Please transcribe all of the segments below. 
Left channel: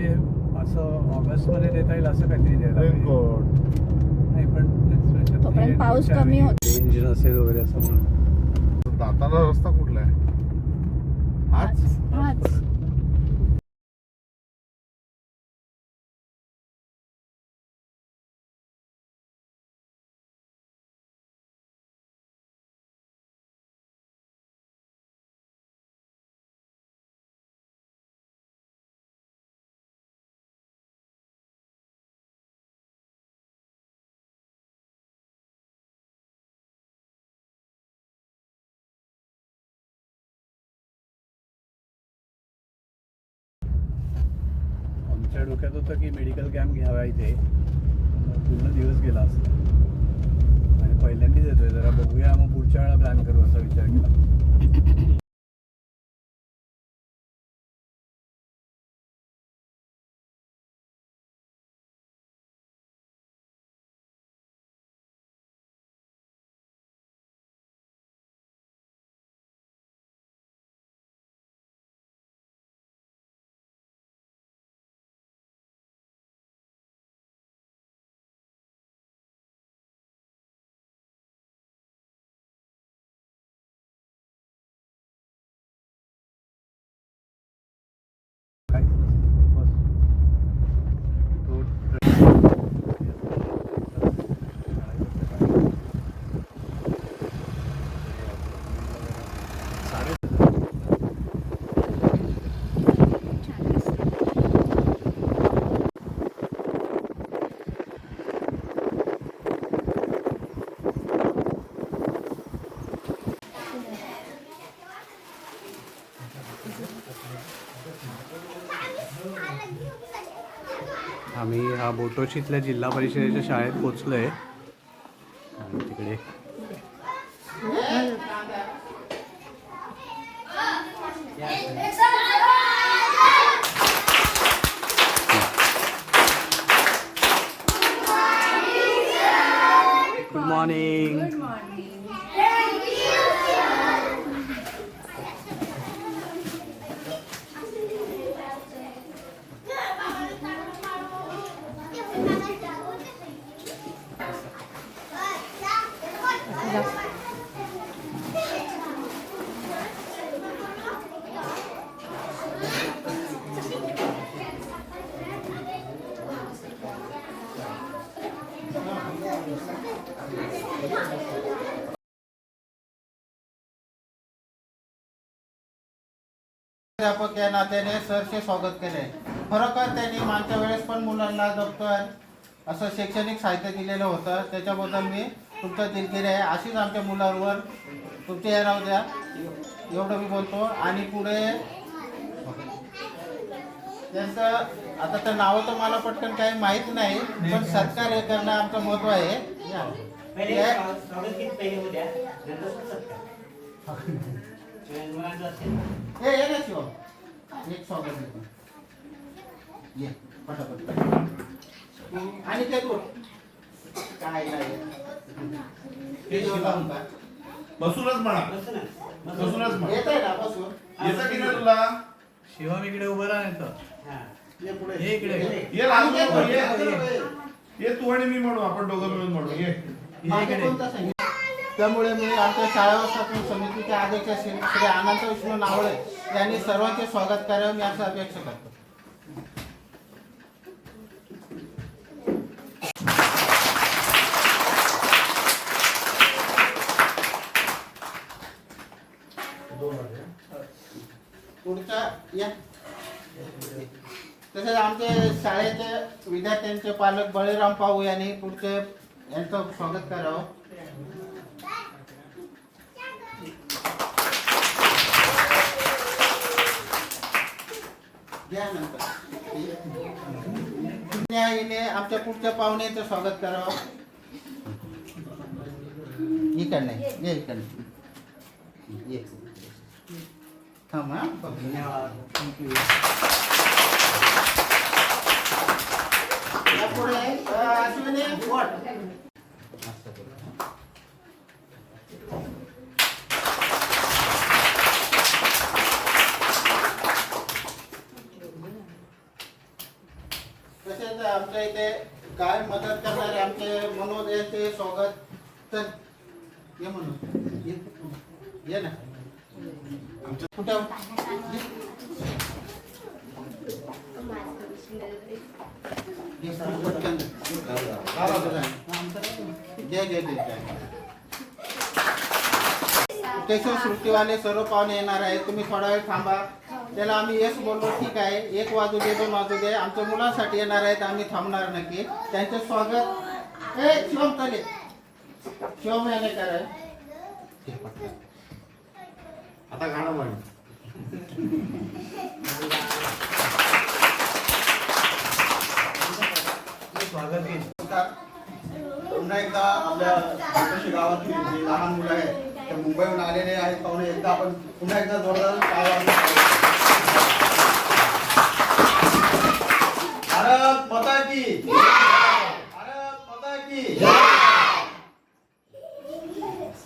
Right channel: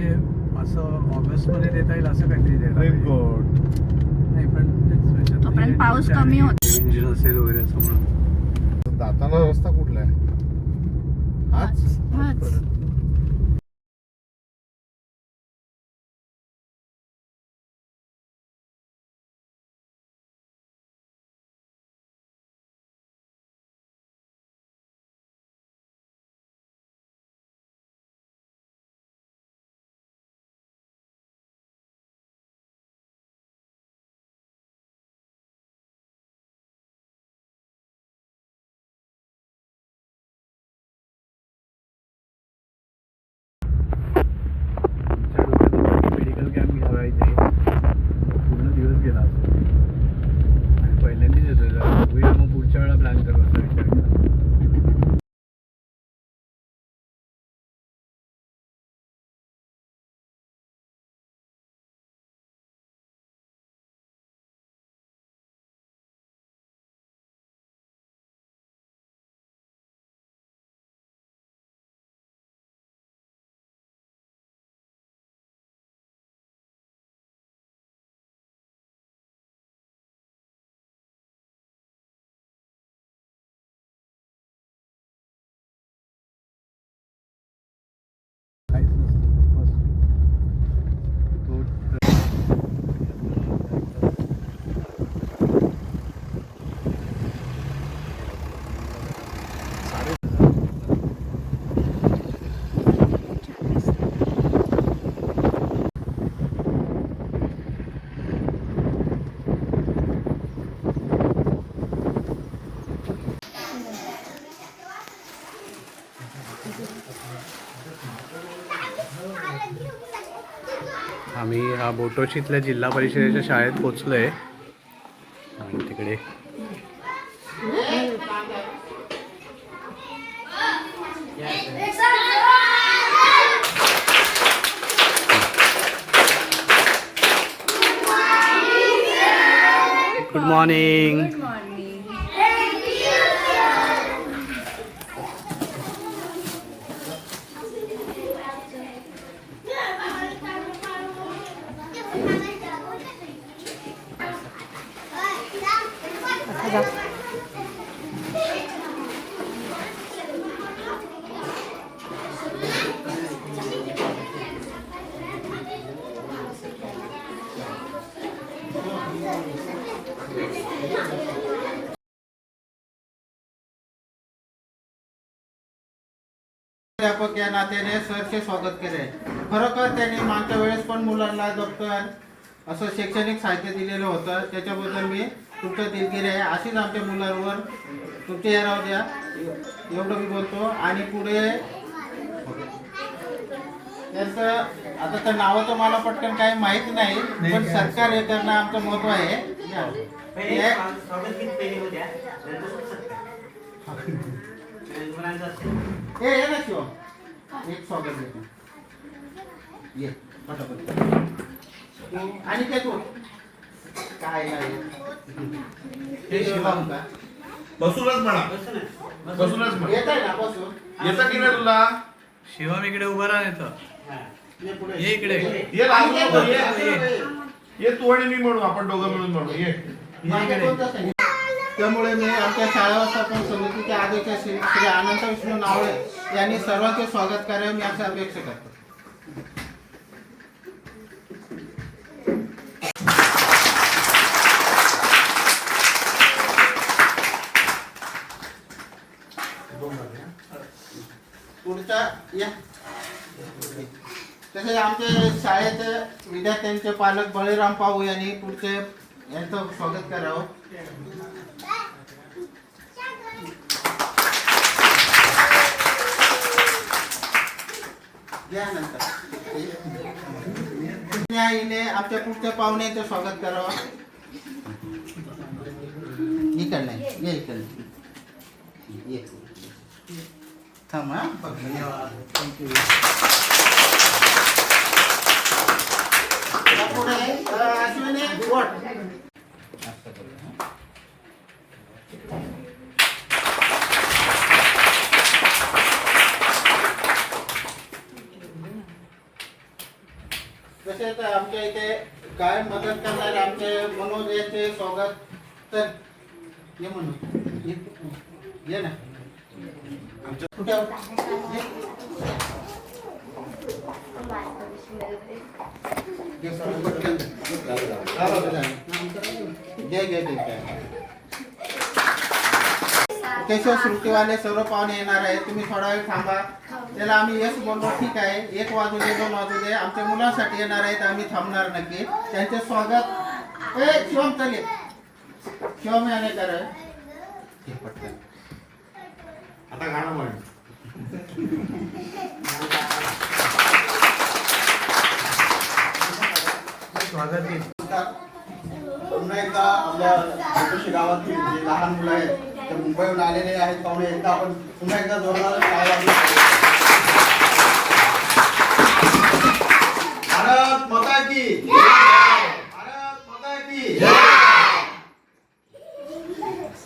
म्हणजे असं ऑगस्टमध्ये देता येईल असं काहीतरी देता नाही, पण तोपर्यंत पाऊस कमी होतो. रेंज नसेल वगैरे असं म्हणून. दाताला रस्ता कुठला आहे आज? आमच्या डोक्यात होतं की मेडिकल कॅम्प घ्यावा इथे, पूर्ण दिवस गेला असतो आणि पहिल्यांदाच येतोय. बघूया मग पुढच्या वेळेला प्लॅन करू असं विचार केला. काहीच नसतं बस आम्ही हा बोटोशीतल्या जिल्हा परिषदेच्या शाळेत पोचलोय आणि तिकडे गुड मॉर्निंग. अध्यापक या नात्याने सरचे स्वागत केले. खरोखर त्यांनी मागच्या वेळेस पण मुलांना दप्तर असं शैक्षणिक साहित्य दिलेलं होतं, त्याच्याबद्दल मी तुमचं दिलगिरी आहे. अशीच आमच्या मुलांवर तुमचे या राहू द्या, एवढं मी बोलतो. आणि पुढे त्यांचं आता तर नावं तर मला पटकन काही माहीत नाही, पण सरकार हे करणं आमचं महत्व आहे. ये ना शिव, एक स्वागत देतो. ये पटापट. आणि ते तू काय नाही हे शिवा म्हणता. बसूनच म्हणा, बसूनच म्हणा. येत आहे ना बसून. येतं की नाही तुला? शिवम इकडे उभं राहा येतं. ये पुढे ये इकडे. ये लांब नको, ये तू आणि मी म्हणू, आपण दोघं मिळून म्हणू. ये इकडे. त्यामुळे मी आमच्या शाळा व्यवस्थापन समितीचे अध्यक्ष श्री अनंत विष्णू नावळे यांनी सर्वांचे स्वागत करावे मी अशी अपेक्षा करतो. पुढचा या. तसेच आमच्या शाळेत विद्यार्थ्यांचे पालक बळीराम पाहू यांनी पुढचे यांचं स्वागत करावं. न्यायाने आमच्या पुढच्या पाहुण्याचं स्वागत करावं. इकडनं ये, इकडनं ये. थांब हा. पुढे अश्विनी गोट. काय मदत करणारे आमचे मनोज यांचे स्वागत. तर ये म्हणून ये ना कुठे पटकन केशव श्रुतीवाले सर्व पाहुणे येणार आहे. तुम्ही थोडा वेळ थांबा. त्याला आम्ही येस बोललो, ठीक आहे, 1 वाजू दे 2 वाजू दे, आमच्या मुलांसाठी येणार आहेत, आम्ही थांबणार नक्की. त्यांचे स्वागत. शिवम चालेल, शिवम याने कराय पटकन आता गाणं म्हण. स्वागत आहे. पुन्हा एकदा आपल्या छोट्याशा गावातील जे लहान मुलं आहेत ते मुंबईहून आलेले आहेत पाहुणे, एकदा आपण पुन्हा एकदा जोरदार टाळ्या वाजवूया. भारत माता की भारत माता की.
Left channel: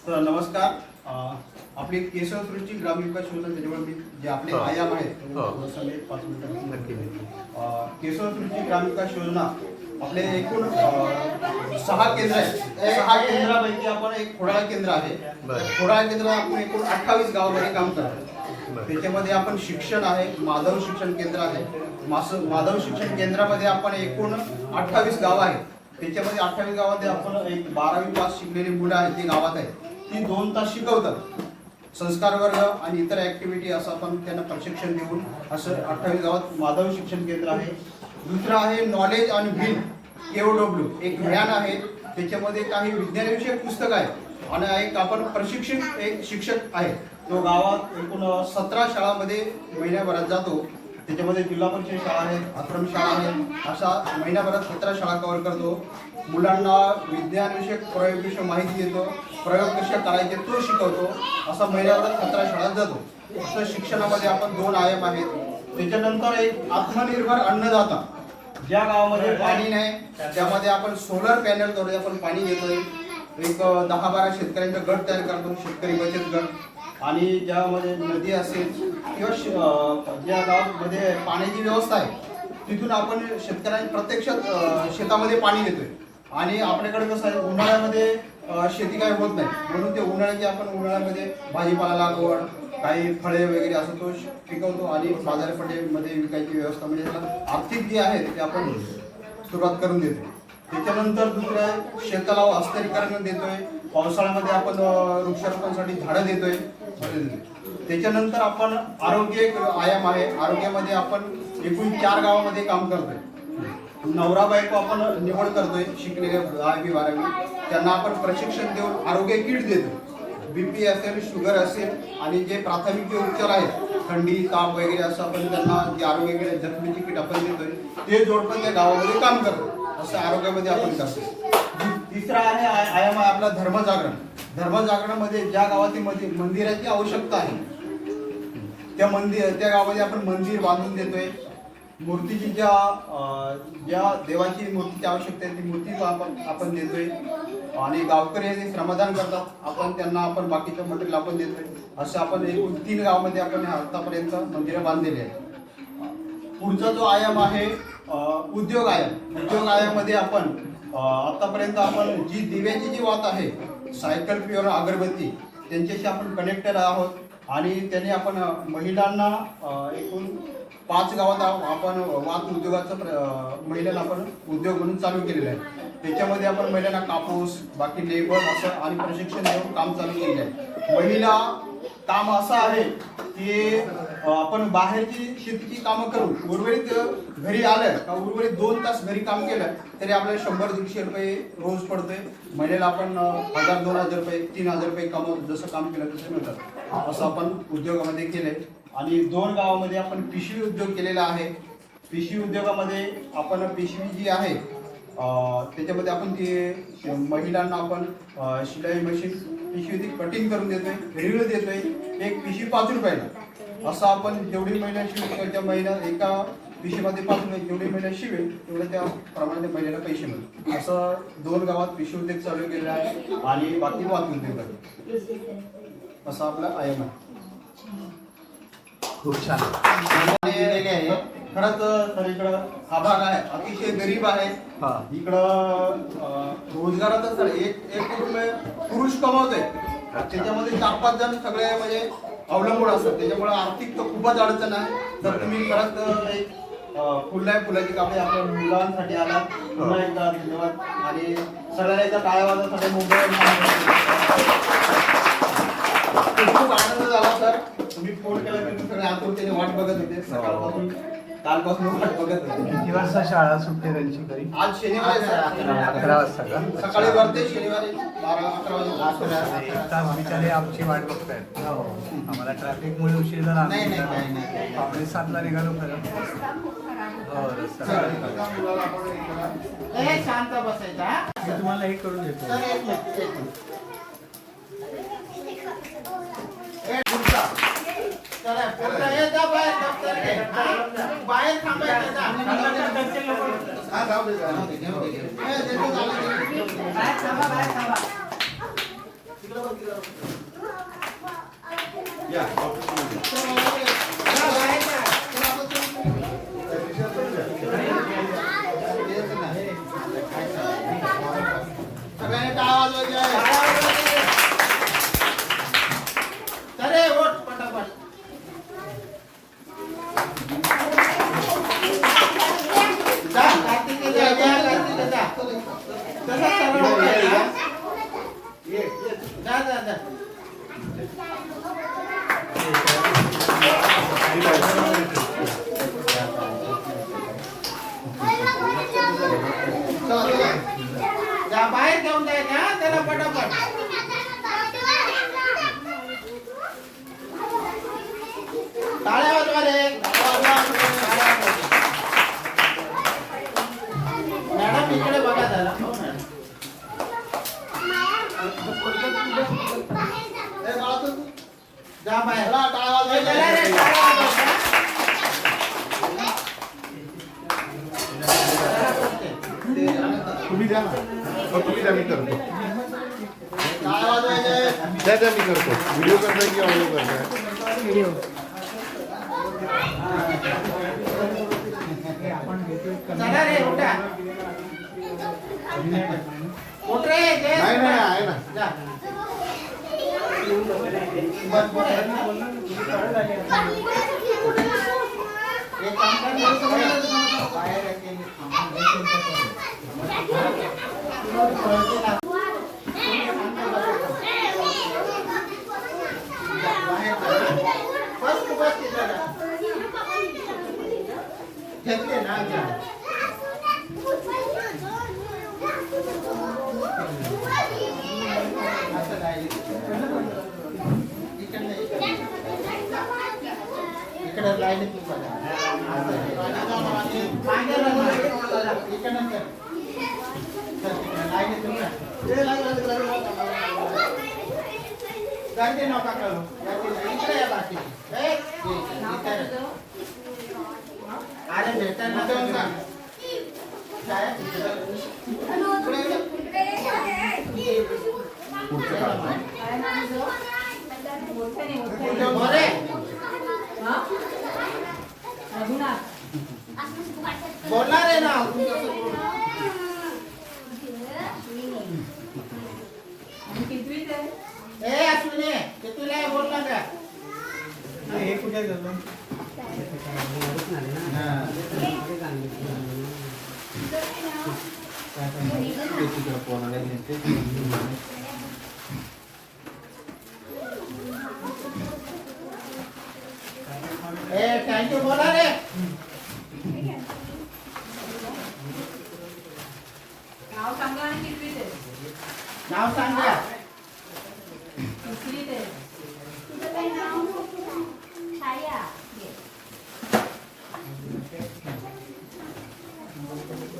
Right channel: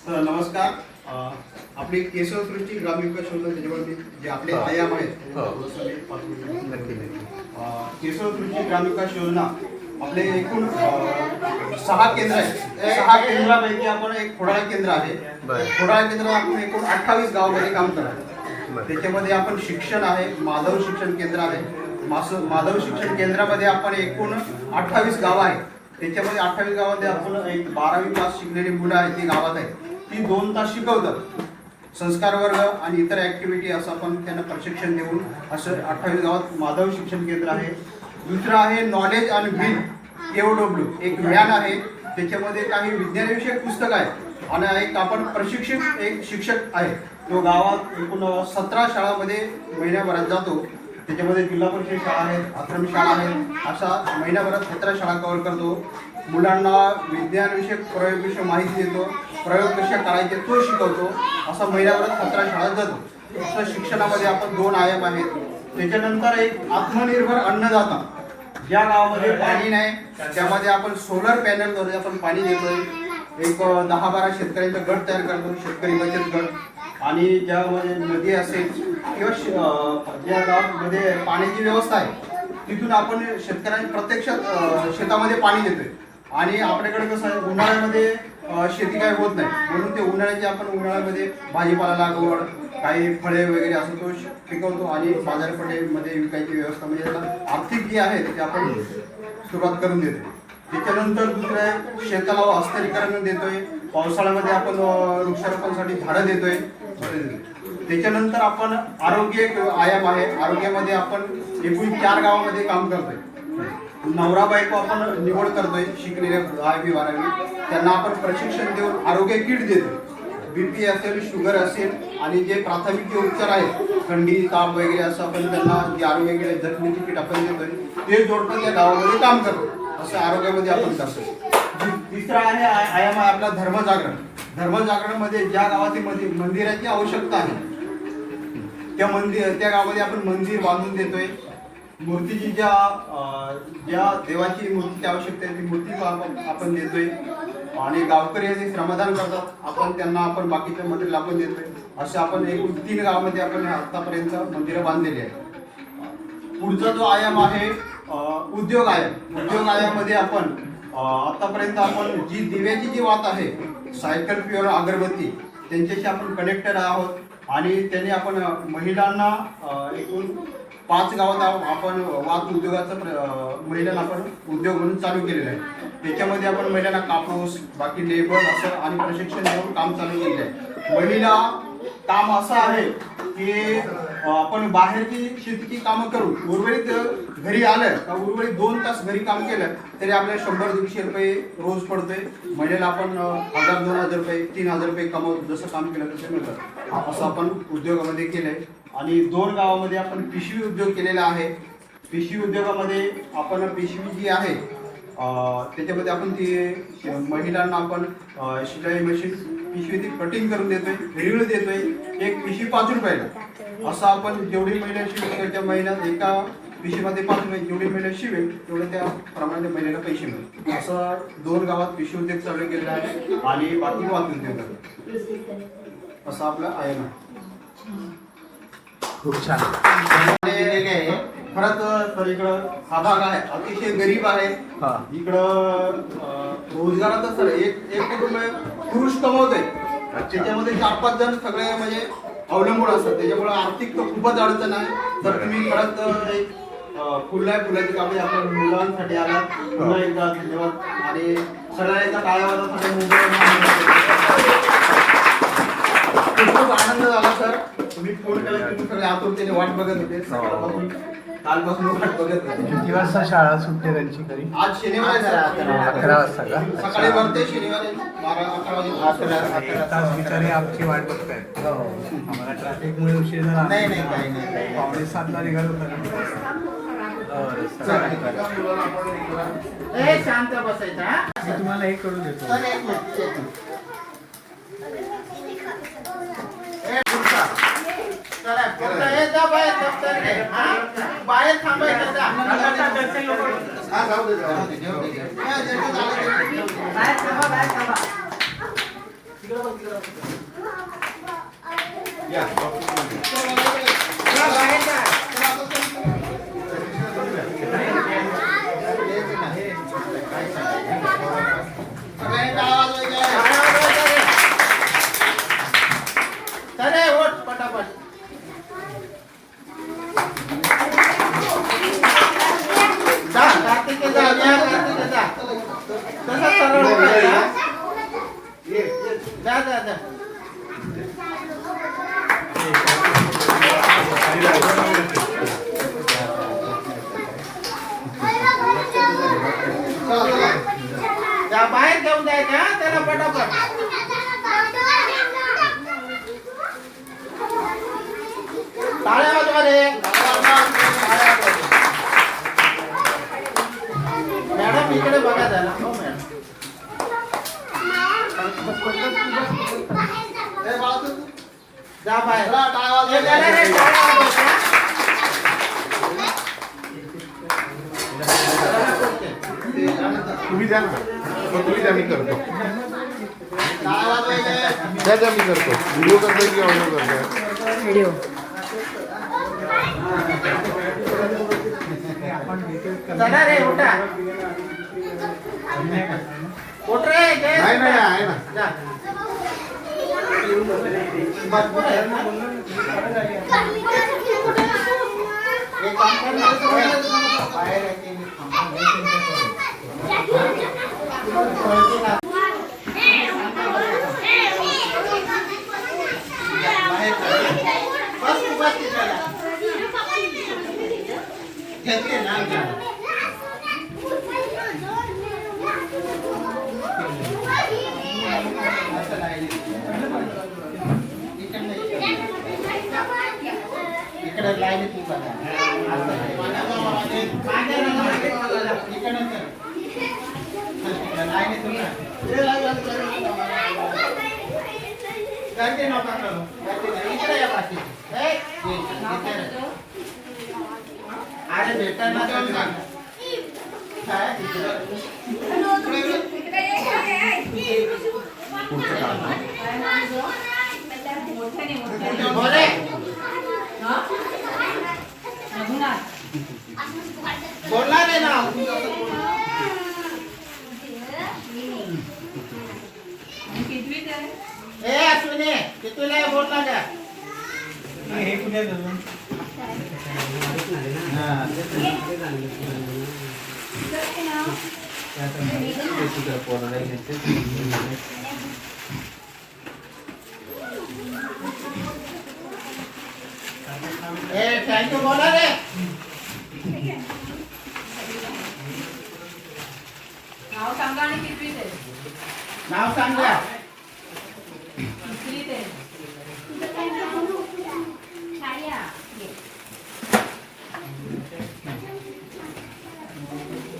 तर नमस्कार. आपली केशव श्रुती ग्रामविकास योजना, त्याच्यावर जे आपले आयाम आहेत थोडंसं मी 5 मिनिटं. केशव श्रुती ग्रामविकास योजना आपले एकूण 6 केंद्र आहेत. 6 केंद्रापैकी आपण एक खोडाळा केंद्र आहे. खोडाळा केंद्र आपण एकूण 28 गावामध्ये काम करतो. त्याच्यामध्ये आपण शिक्षण आहे, माधव शिक्षण केंद्र आहे. माधव शिक्षण केंद्रामध्ये आपण एकूण 28 गाव आहे. त्याच्यामध्ये 28 गावामध्ये आपण एक 12वी पास शिकलेली मुलं आहेत ती गावात आहे. ती 2 तास शिकवतात. संस्कार वर्ग आणि इतर ऍक्टिव्हिटी असं आपण त्यांना प्रशिक्षण देऊन असं 28 गावात माधव शिक्षण केंद्र आहे. दुसरं आहे नॉलेज आणि बिल KOW, एक व्हॅन आहे. त्याच्यामध्ये काही विज्ञानविषयक पुस्तक आहे आणि एक आपण प्रशिक्षक एक शिक्षक आहे. तो गावात एकूण 17 शाळांमध्ये महिन्याभरात जातो. त्याच्यामध्ये जिल्हा परिषद शाळा आहेत, आश्रम शाळा आहेत, अशा महिन्याभरात 17 शाळा कव्हर करतो. मुलांना विज्ञानविषयक प्रयोगविषयी माहिती देतो, प्रयोग कसे करायचे तो शिकवतो. असा महिन्याभरात 17 शाळात जातो. असं शिक्षणामध्ये आपण 2 आयाम आहेत. त्याच्यानंतर एक आत्मनिर्भर अन्नदाता. ज्या गावामध्ये पाणी नाही त्यामध्ये आपण सोलर पॅनलद्वारे आपण पाणी देतोय. एक 10-12 शेतकऱ्यांचा गट तयार करतो, शेतकरी बचत गट. आणि ज्यामध्ये नदी असेल किंवा ज्या गावामध्ये पाण्याची व्यवस्था आहे तिथून आपण शेतकऱ्यांना प्रत्यक्षात शेतामध्ये पाणी देतोय. आणि आपल्याकडे कसं आहे, उन्हाळ्यामध्ये शेती काही होत नाही, म्हणून ते उन्हाळ्याची आपण उन्हाळ्यामध्ये भाजीपाला लागवड, काही फळे वगैरे असं तो पिकवतो आणि बाजारपेठेमध्ये विकायची व्यवस्था, म्हणजे त्याला आर्थिक जे आहे ते आपण सुरुवात करून देतो. त्याच्यानंतर दुसरं आहे शेताला हस्तांतरीकरण देतोय. पावसाळ्यामध्ये आपण वृक्षारोपणासाठी झाडं देतोय. त्याच्यानंतर आपण आरोग्य आयाम आहे. आरोग्यामध्ये आपण एकूण 4 गावामध्ये काम करतोय. नवरा बायको आपण निवड करतोय शिकलेले 10वी 12वी, त्यांना आपण प्रशिक्षण देऊन आरोग्य किट देतो. BP असेल, शुगर असेल आणि जे प्राथमिक उपचार आहेत, थंडी ताप वगैरे असं आपण त्यांना जे आरोग्य किट जखमीची किट आपण देतोय ते जोडपं त्या गावामध्ये काम करतो. असं आरोग्यामध्ये आपण करतो. तिसरा आहे आयाम आहे आपला धर्मजागरण. धर्मजागरणमध्ये ज्या गावातील मंदिराची आवश्यकता आहे त्या गावामध्ये आपण मंदिर बांधून देतोय. मूर्तीची ज्या देवाची मूर्तीची आवश्यकता आहे ती मूर्ती आपण देतोय. आणि गावकरी जे श्रमदान करतात आपण त्यांना आपण बाकीच्या मटेरियल आपण देतोय. असे आपण एकूण 3 गावामध्ये आपण आतापर्यंत मंदिरं बांधलेली आहेत. पुढचा जो आयाम आहे उद्योग आयाम. उद्योग आयामध्ये आपण आतापर्यंत आपण जी दिव्याची जी वात आहे, सायकल प्युअर अगरबत्ती, त्यांच्याशी आपण कनेक्टेड आहोत. आणि त्यांनी आपण महिलांना एकूण 5 गावात आपण वात उद्योगाचं महिलांना आपण उद्योग म्हणून चालू केलेला आहे. त्याच्यामध्ये आपण महिलांना कापूस, बाकी लेबर असं आणि प्रशिक्षण देऊन काम चालू केलेलं आहे. महिला काम असं आहे की आपण बाहेरची शेतीची कामं करून उर्वरित घरी आलं का उर्वरित 2 तास घरी काम केलं तरी आपल्याला 100-150 रुपये रोज पडतोय. महिन्याला आपण 1000-2000 रुपये 3000 रुपये जसं काम केलं तसं मिळतात. असं आपण उद्योगामध्ये केलंय. आणि 2 गावामध्ये आपण पिशवी उद्योग केलेला आहे. पिशवी उद्योगामध्ये आपण पिशवी जी आहे त्याच्यामध्ये आपण ती महिलांना आपण शिलाई मशीन पिशवी ती कटिंग करून देतोय, रीळ देतोय. एक पिशवी 5 रुपयाला. असं आपण जेवढी महिला शिवेल त्या महिन्यात एका पिशवीमध्ये 5 रुपये जेवढी महिला शिवेल तेवढे त्या प्रमाणे महिलेला पैसे मिळतात. असं 2 गावात पिशवी उद्योग चालू केलेला आहे. आणि बाकी वाहतूक उद्योग करतो. असं आपलं आहे ना. खूप छान. खरंच तर इकडं हा भाग आहे अतिशय गरीब आहे. हा. इकडं रोजगारातच एक कुटुंब पुरुष कमवतंय, त्याच्यामध्ये 4-5 जण सगळे म्हणजे अवलंबून असतात, त्याच्यामुळे आर्थिक तर खूपच अडचण आहे. तर तुम्ही खरंच एक फुलाची कापडी आपल्या मुलांसाठी आला, पुन्हा एकदा धन्यवाद. आणि सगळ्यांचा टाळ्यावाजासाठी मुंबई खूप आनंद झाला सर. तुम्ही फोन केला, तुम्ही सगळे आतुरतेने वाट बघत होते सकाळपासून, कालपासून वाट बघत होते. किती वाजता शाळा सुटते त्यांची घरी? आज शनिवार आहे सर, 11 वाजता का? सकाळी भरते, शनिवारी 12-11 वाजता. एक तास बिचारे आमची वाट बघतायत. आम्हाला ट्रॅफिकमुळे उशीर झाला. नाही, काही नाही. 6:45ला निघालो खरं. ए, शांत बसायचा हा? मी तुम्हाला हे करून देतो. चल, एक मिनिट, एक मिनिट. ए, पुढचा. चला, पुढचा. ए, जा बाहेर, दप्तर घे. हा? बाहेर थांबायचं जा. हा, जाऊ दे, जाऊ दे. घेऊ दे, घेऊ दे. ए, जेवढं झालं ते. बाहेर थांबा, बाहेर थांबा. या. जा, बाहेर जा. सगळ्यांचा आवाज वगैरे. चले, उठ पटापट. जा, कार्तिके जा, कार्तिके जा. तसंच सरळ उठायचं, हा? जा, जा, जा. चला, चला. जा, बाहेर घेऊन जायचं हा त्याला पटापट. टाळ्या वाजवा रे. टाळ्या वाजवा. मॅडम इकडे बघा जरा. हो मॅडम. ए, बाळा तू. जा बाहेर. चला, टाळ्या वाजवा. ए, जरा रे, टाळ्या वाजवायच्या. जरा करते. तुम्ही द्या ना. तुम्ही द्या, मी करतो. टाळ्या वाजवायच्या. द्या, मी करतो. व्हिडिओ करतोय की ऑडिओ करतोय? व्हिडिओ. चला रे, उठा. उठ रे, जय नाही, नाही, उठा. आहे ना. जा. भरपूर आहे ना. एक काम कर ना, बाहेर आहे ते मी बाहेर बस तू बस तिथं. घेतले ना इकडे लाईन तू बघा. लाईन तुम्ही गर्दी नका करू. इकडे या बाकी. अरे भेटा ना काय पुढचं काम. बोले बोलणार आहे ना. ए अश्विनी कितीला आहे बोल ना का. हे कुठे झालं? ए थँक्यू बोला रे. नाव सांगा आणि कितवीत आहे? नाव सांगा. कितवीत आहे?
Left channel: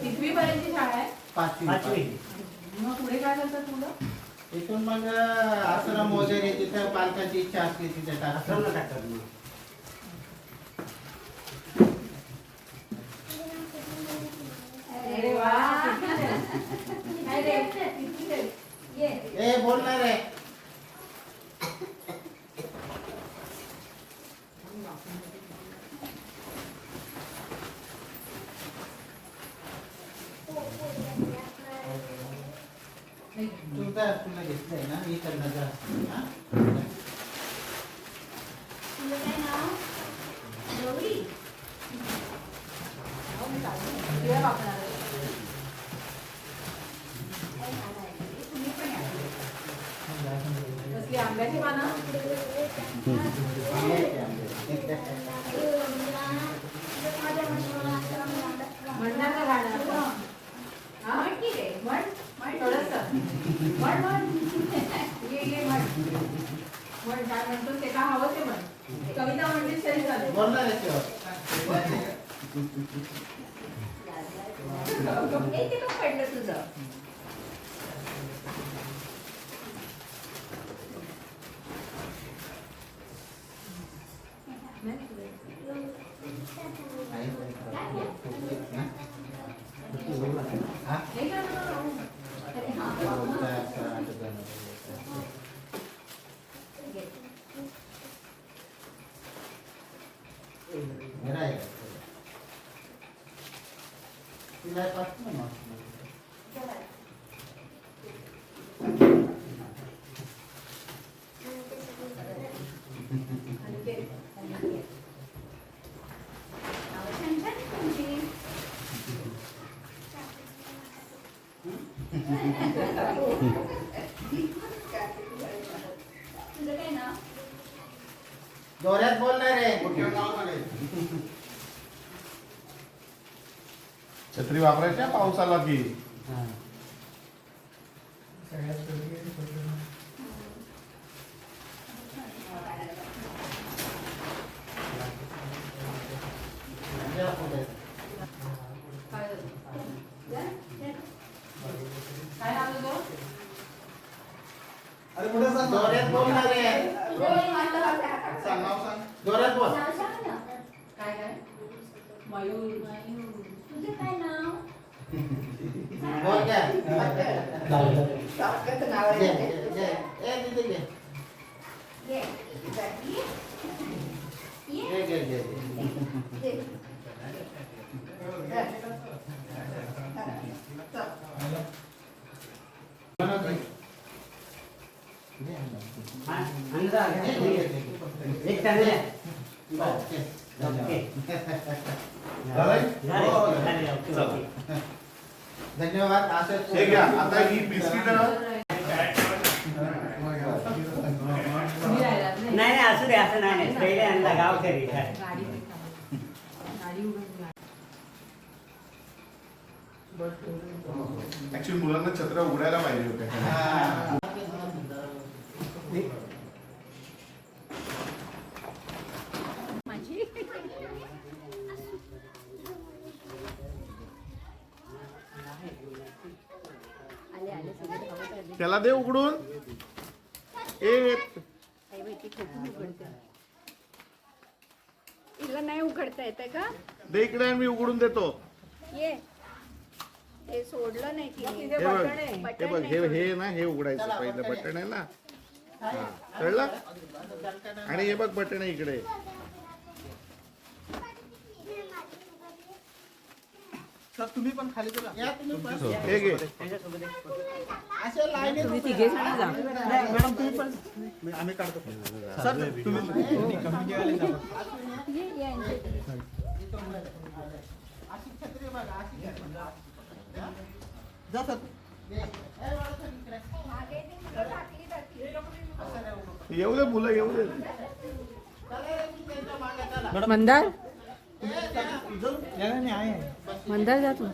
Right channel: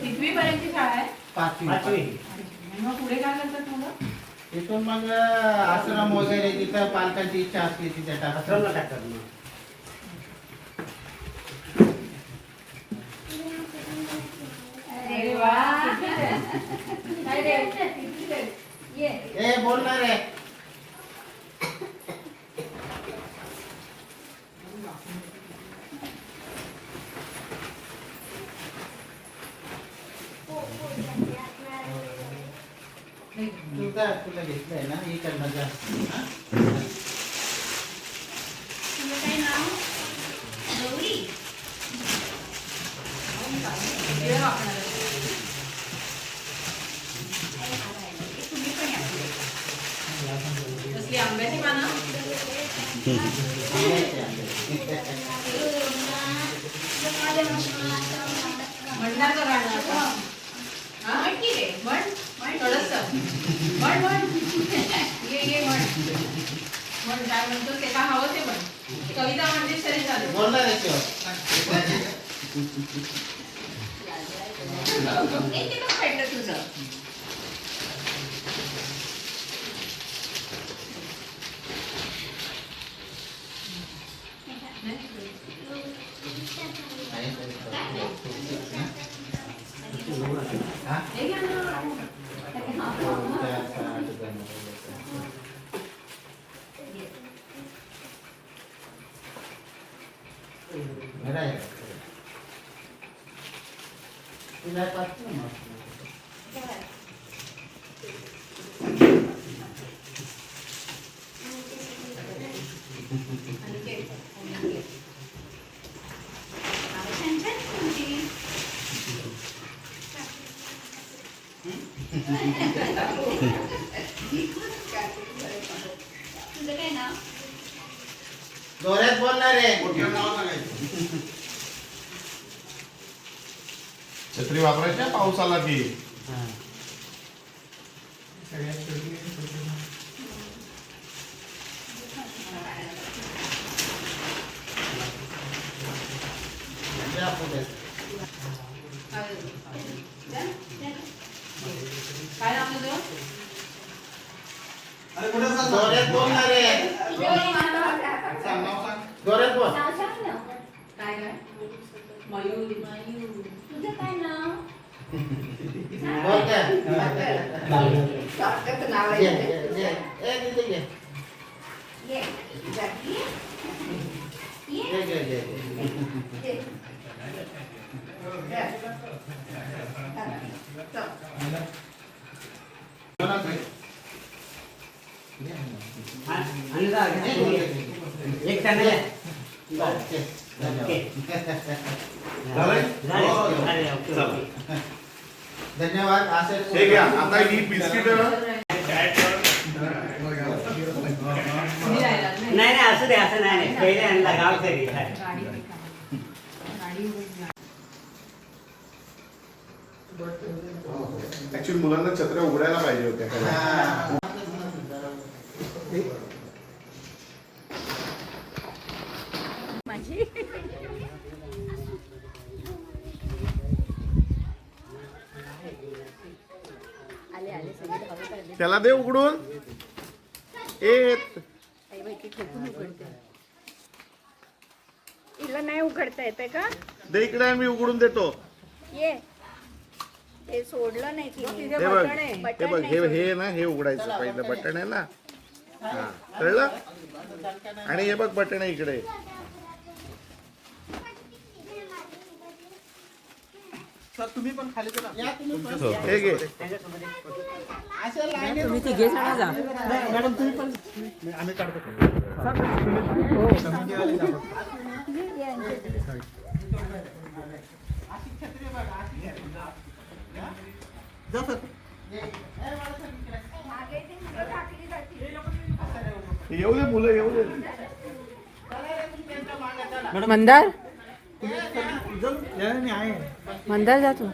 कितवी पर्यंतची शाळा आहे? 5वी. मग पुढे काय करतात मुलं? इथून मग आश्रम वगैरे तिथं पालकांची इच्छा असते तिथे टाकतात. अरे वा. काय रे? कितवीत आहे? ये. ए बोलणार आहे. तुला घेतलंय ना इकडनं जा. हा? तुझं काय नाव? गौरी. तिला वापरणार आहे. तुम्ही पण या पुढे. कसली आंब्याची पानं? म्हणणार गाणं. हा म्हण की रे म्हण म्हण थोडंसं म्हण म्हण ये म्हण म्हण काय म्हणतो ते काय हवं ते म्हण कविता म्हणजे शरीर झालं बोलणार याच्यावर. ते पण पडलं तुझं हा? हे घ्या ना. मेरा है. तुला पाठवू ना. छान छान तुमची तुझं काय नाव जोरात बोलणार आहे. मोठ्या नाव सांगायचं. छत्री वापरायची पाऊस आला की. हा. या पुढे. काय नाव तुझं अरे कुठं सांग? जोरात बोलणार आहे. सांग नाव सांग. जोरात बोल. काय काय मयूर तुझं काय नाव बोल काय. घे, घे, घे. ए, दीदी घे. ये जाती घे, घे, घे, घे. एक चांगलं आहे. ओके. झालंय? झाले, ओके, ओके. धन्यवाद. असे हे घ्या आता ही बिस्किट नाही नाही असू दे असं नाही नाही पहिले आणला गाव तरी ऍक्च्युली मुलांना छत्र्या उघडायला पाहिजे होत्या खरं. हा. त्याला दे उघडून. ए तिला नाही उघडता येते का दे इकडे मी उघडून देतो. ये ते सोडलं नाही तिने. हे बघ हे बघ हे ना हे उघडायचं पहिलं बटन आहे ना. हा कळलं. आणि हे बघ बटन आहे इकडे. या तुम्ही पण. हे घे. अशा लाईनीत तुम्ही तिघे जण जा. अशी छत्री बघा. अशी छत्री. जा सर. मागे ती मुलं टाकली जातील. येऊ दे मुलं येऊ दे. मंदार मंदार जा तू.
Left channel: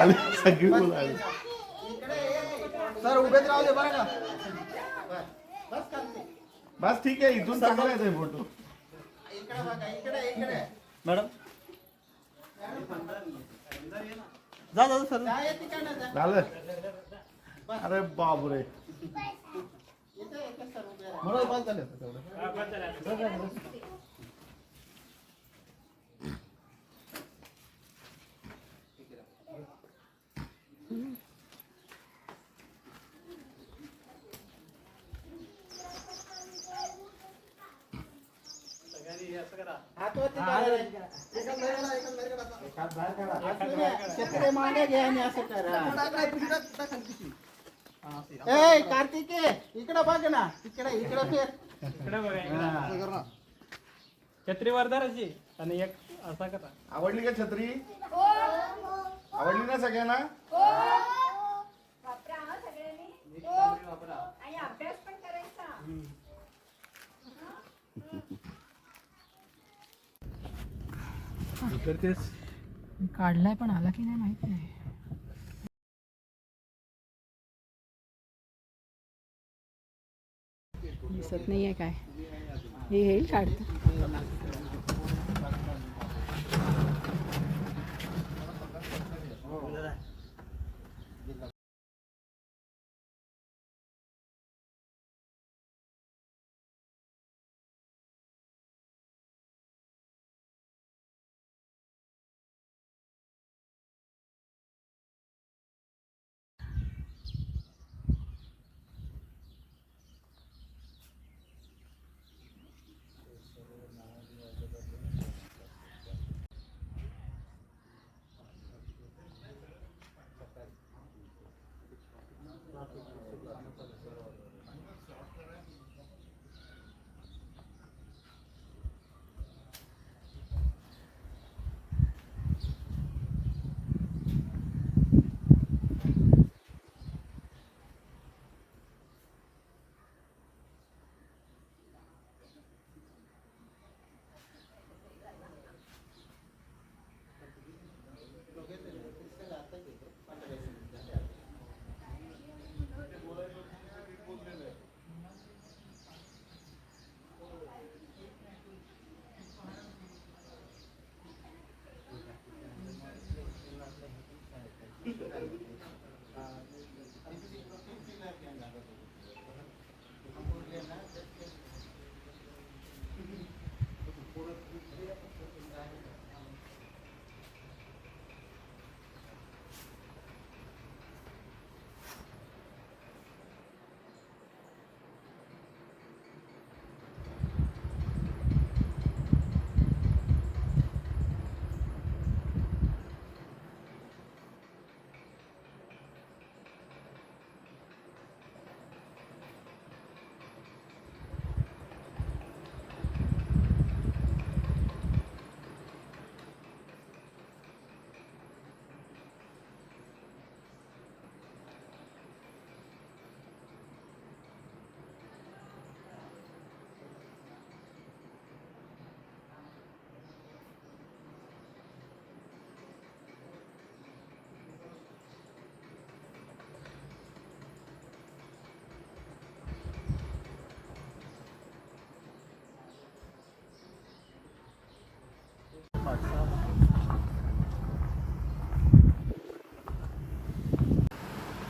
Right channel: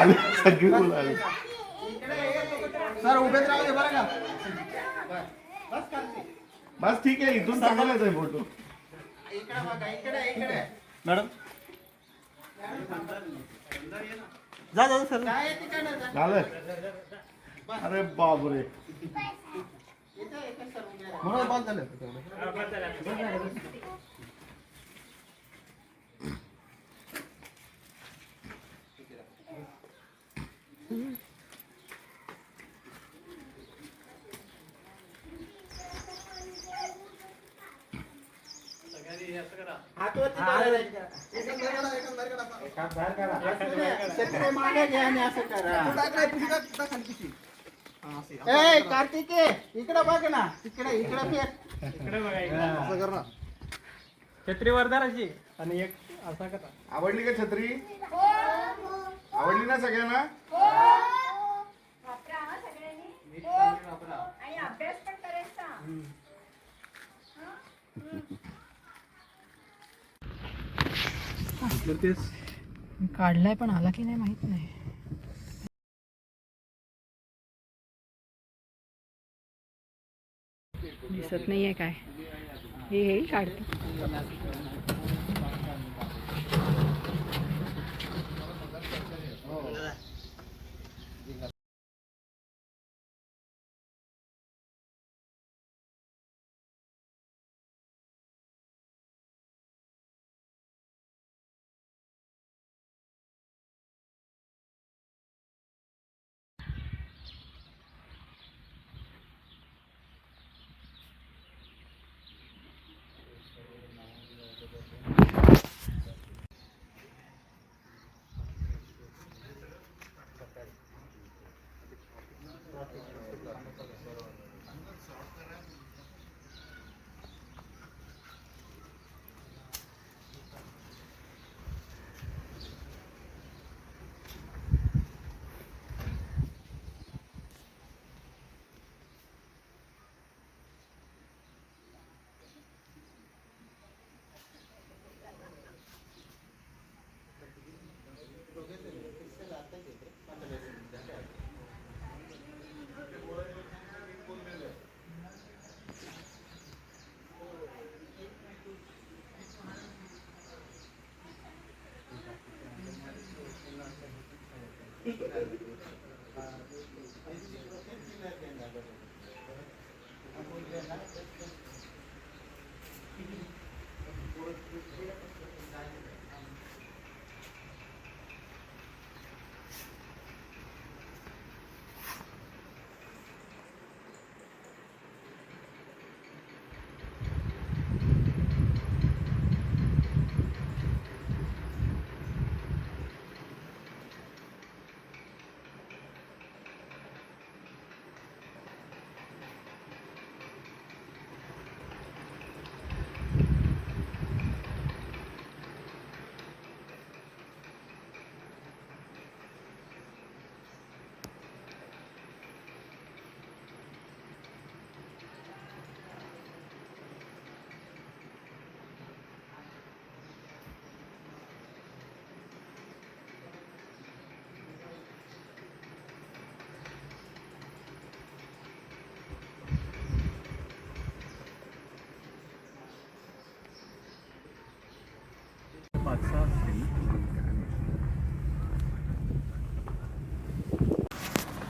आली सगळी मुलं आली. सर उभेच राहू दे बरं का. बस खाली. बस ठीक आहे. इथून चांगला येतोय फोटो. इकडे बघा. इकडे इकडे. मॅडम जा जा सर. काय आहे तिकडे जा. झालं. अरे बापरे. इथे इथे सर उभे राहा. मला पास झाले तेवढं. सगळ्यांनी असं हातवरती करा. शत्रू मागे घ्या आणि असं करा. ए कार्तिकी इकडे बघ ना, इकडे फिर. छत्री वरदाराची आणि एक असा करा. आवडली का छत्री? आवडली ना सगळ्यांना? वापरा हा सगळ्यांनी. आणि अभ्यास पण करायचा. तर तेच काढलाय पण आला की नाही माहित नाही. दिसत नाहीये काय. हे येईल काढतो.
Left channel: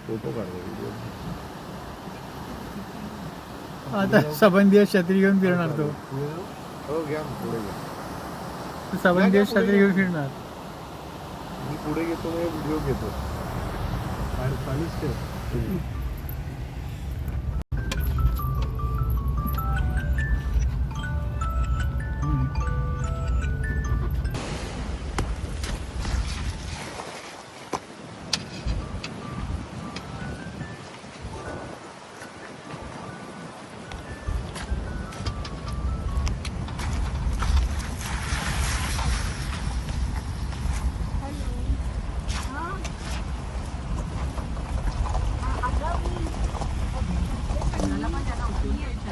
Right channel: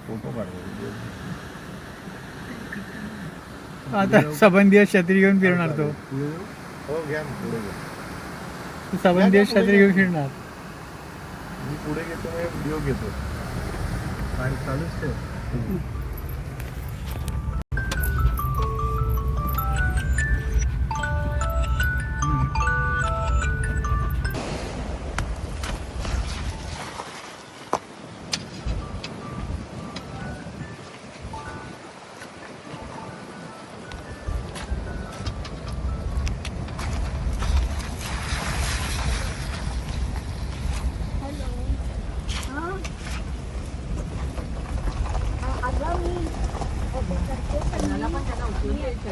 फोटो काढतो. आता सबंधित छत्री घेऊन फिरणार तो. हो घ्या ना, पुढे घ्या. सबंधित छत्री घेऊन फिरणार. मी पुढे घेतो, मी व्हिडिओ घेतो. आणि चालूच ठेव.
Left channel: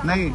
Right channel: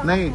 नाही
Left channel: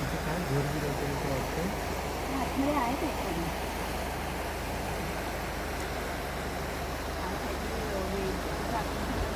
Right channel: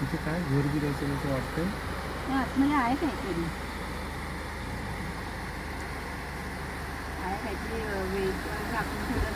तिथे काय घोर गिरायचं वाटतं. आतमध्ये आहे काहीतरी काहीतरी वेळ टाकून ठेवलं.